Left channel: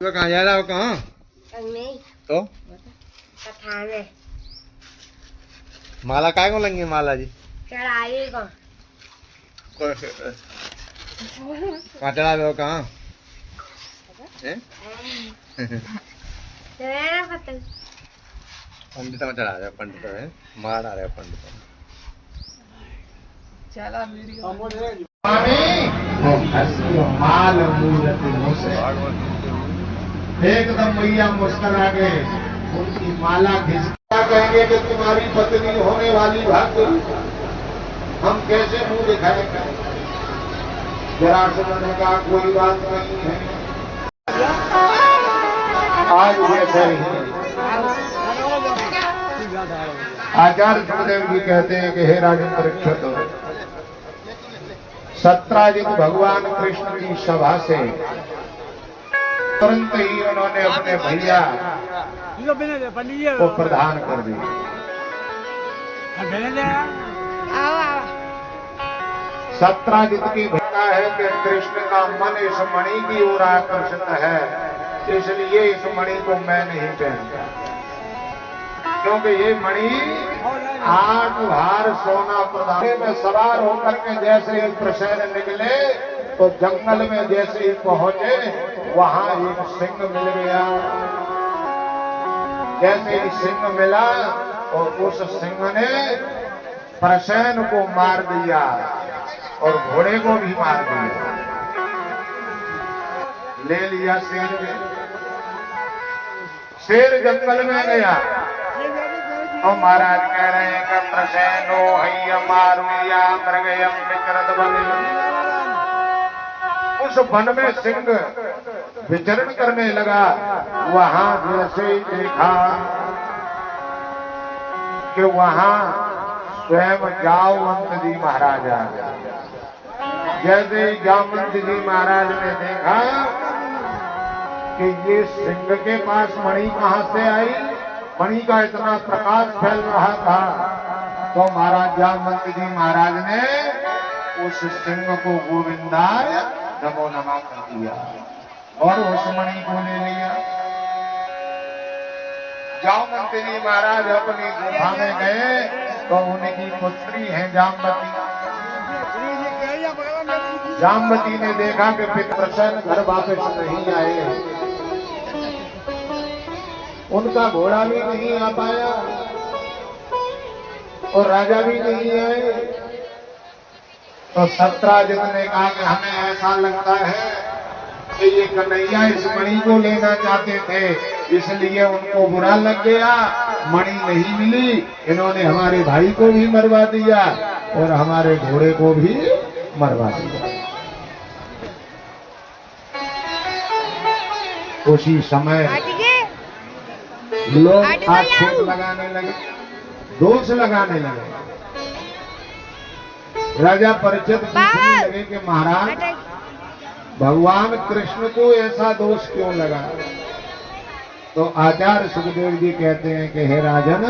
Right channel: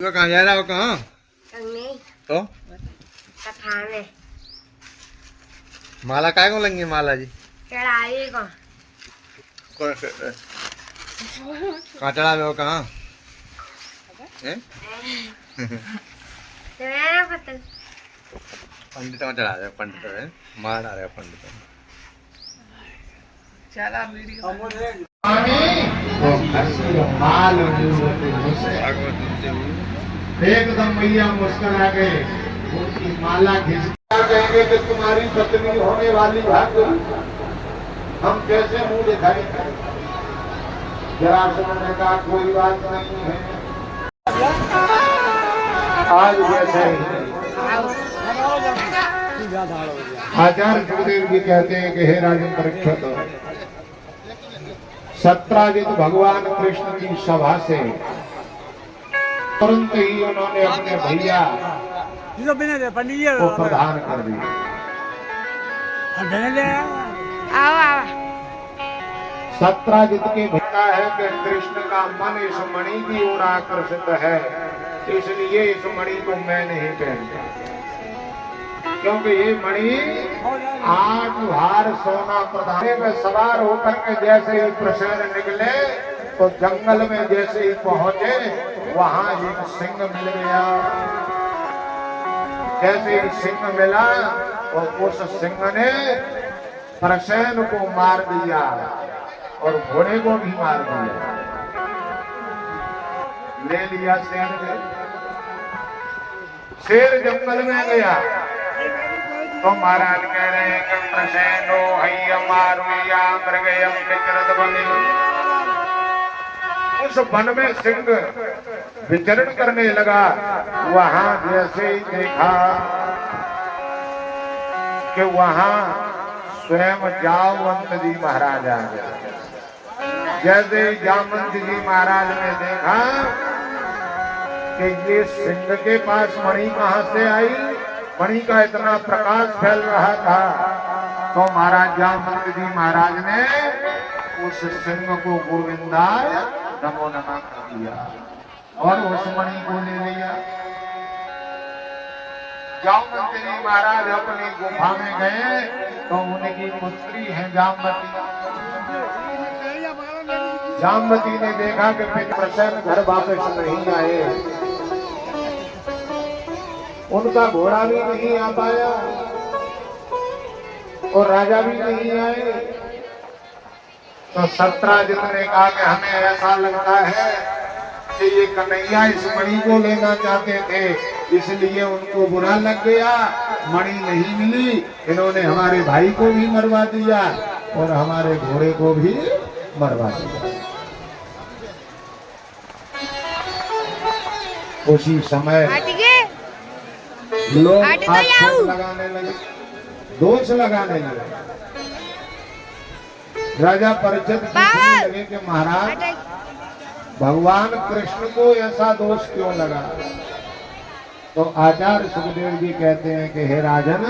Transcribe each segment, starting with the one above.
तो कहाँ जा रहा हो? कहाँ? नहीं तो खाने माला काय को लेंगे? माला जी चढ़ाई को कहाँ चढ़ा रहे हो? कहाँ हैं? पंडित में चढ़ा रहे हो? पंडित है मार रहे हो? पंडित चला वीडियो भागवत सुनते हुए एकदम मैया मुस्कुरा के उनकी माला खींच कहेंगे कि तुम्हारी पत्नी होने वाली भाग्य हम कैसे मुंह दिखाएंगे। जरासंध ने कहा कोई बात नहीं है, आज जैसे आचार्य सुखदेव जी कहते हैं कि हे राजन परीक्षित, सत्राजित भगवान कृष्ण की सभा से तुरंत ही उन्होंने अपने भैया को प्रदान कर दिया। सत्राजित की भक्ता है कि कृष्ण का मन इस मणि की ओर आकर्षित है, इसलिए इस मणि को मैं नहीं पहनता, क्योंकि ये मणि 8 भार सोना प्रदान में सवार होकर के जैसे ही प्रसन्न निकले तो जंगल में जैसे ही पहुंचे वहां एक सिंह मिल गया। जैसे ही सिंह मिला और उस सिंह ने प्रसेन को मार दिया और घोड़े को भी मार दिया, ले लिया शेर में। शेर जंगल में गया तो महाराज कह रहे हैं कि प्रसेनो हैया मारो या मृगयम विचरत बने। उस वन में सिंह विचरण करने लगा। वहां जैसे ही देखा कि वहां स्वयं जामवंत जी महाराज आ गए। जैसे ही जामवंत जी महाराज ने देखा कि ये सिंह के पास मणि कहां से आई, मणि का इतना प्रकाश फैल रहा था, तो महाराज जामवंत जी महाराज ने उस सिंह को गोविंदाय नमो नमः कर दिया और उस मणि को ले लिया। जामवंत जी महाराज अपनी गुफा में गए तो उनकी पुत्री है जामवती। जामवती ने देखा कि प्रसन्न घर वापस नहीं आए, उनका घोड़ा भी नहीं आ पाया और राजा भी नहीं आए। तो सत्राजित ने कहा कि हमें ऐसा लगता है कि ये कन्हैया इस मणि को लेना चाहते थे, इसलिए उनको बुरा लग गया, मणि नहीं मिली, इन्होंने हमारे भाई को भी मरवा दिया और हमारे घोड़े को भी मरवा दिया। उसी समय लोग आक्षेप लगाने लगे, दोष लगाने लगे। राजा परीक्षित पूछने लगे कि महाराज भगवान कृष्ण को ऐसा दोष क्यों लगा? तो आचार्य सुखदेव जी कहते हैं कि हे राजन,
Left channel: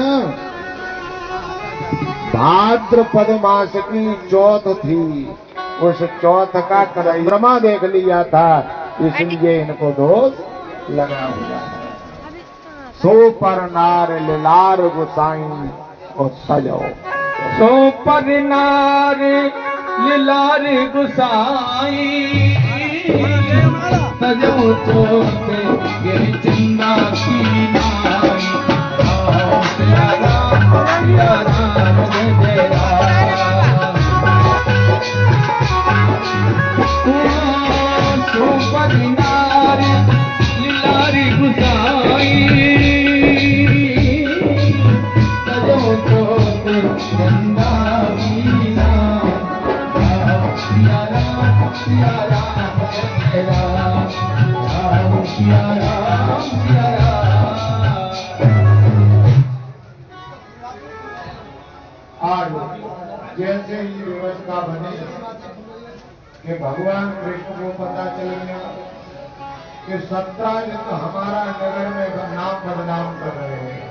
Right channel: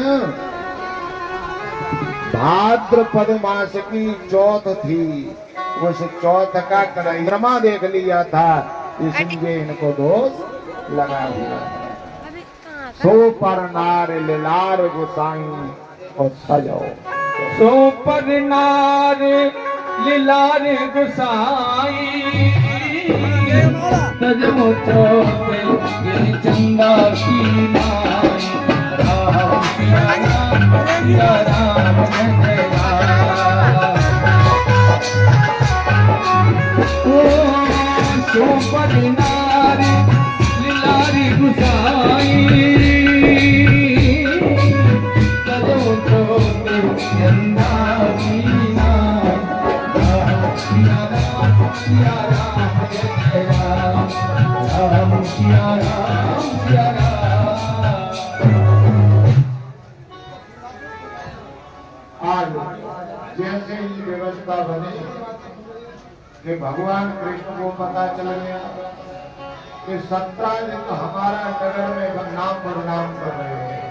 भाद्रपद मास की चौथ थी, उस चौथ का परिक्रमा देख लिया था, इसलिए इनको दोष लगा दिया। सो पर नार लार गुसाई और सजो, सो पर नार लार गुसाई सजो चौथे ये चंदा की नाई। सो पर नार लार गुसाई सजो चौथे चंदा की नाई। सिया राम सिया राम जय राम, राम सिया राम सिया राम। आज जैसे ही व्यवस्था बनी कि भगवान कृष्ण को पता चल गया कि सत्राजित तो हमारा नगर में नाम बदनाम कर रहे हैं,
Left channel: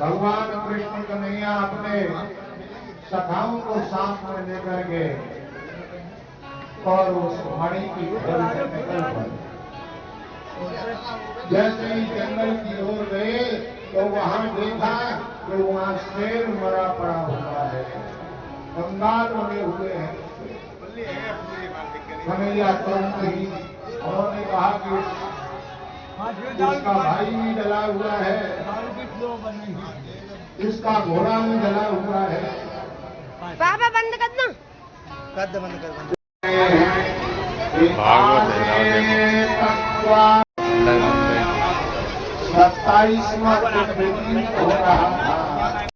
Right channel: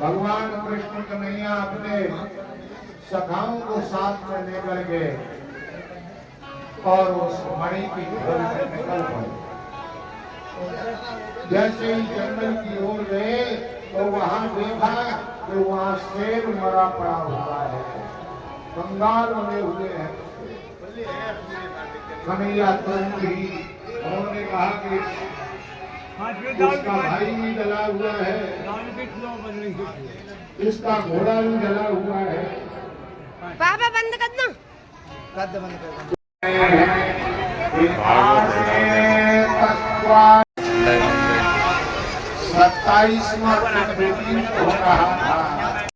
भगवान कृष्ण कन्हैया अपने सखाओं को साथ में लेकर गए और उस मणि की खोज में निकल पड़े। जैसे ही जंगल की ओर गए तो वहां देखा कि वहां शेर मरा पड़ा हुआ है, कंगाल बने हुए हैं। कन्हैया तुरंत ही उन्होंने कहा कि इसका भाई भी जला हुआ है, इसका घोड़ा भी जला हुआ है। पापा बंद कर दो। भागवत है, तत्वा 27वां दिन हो रहा था।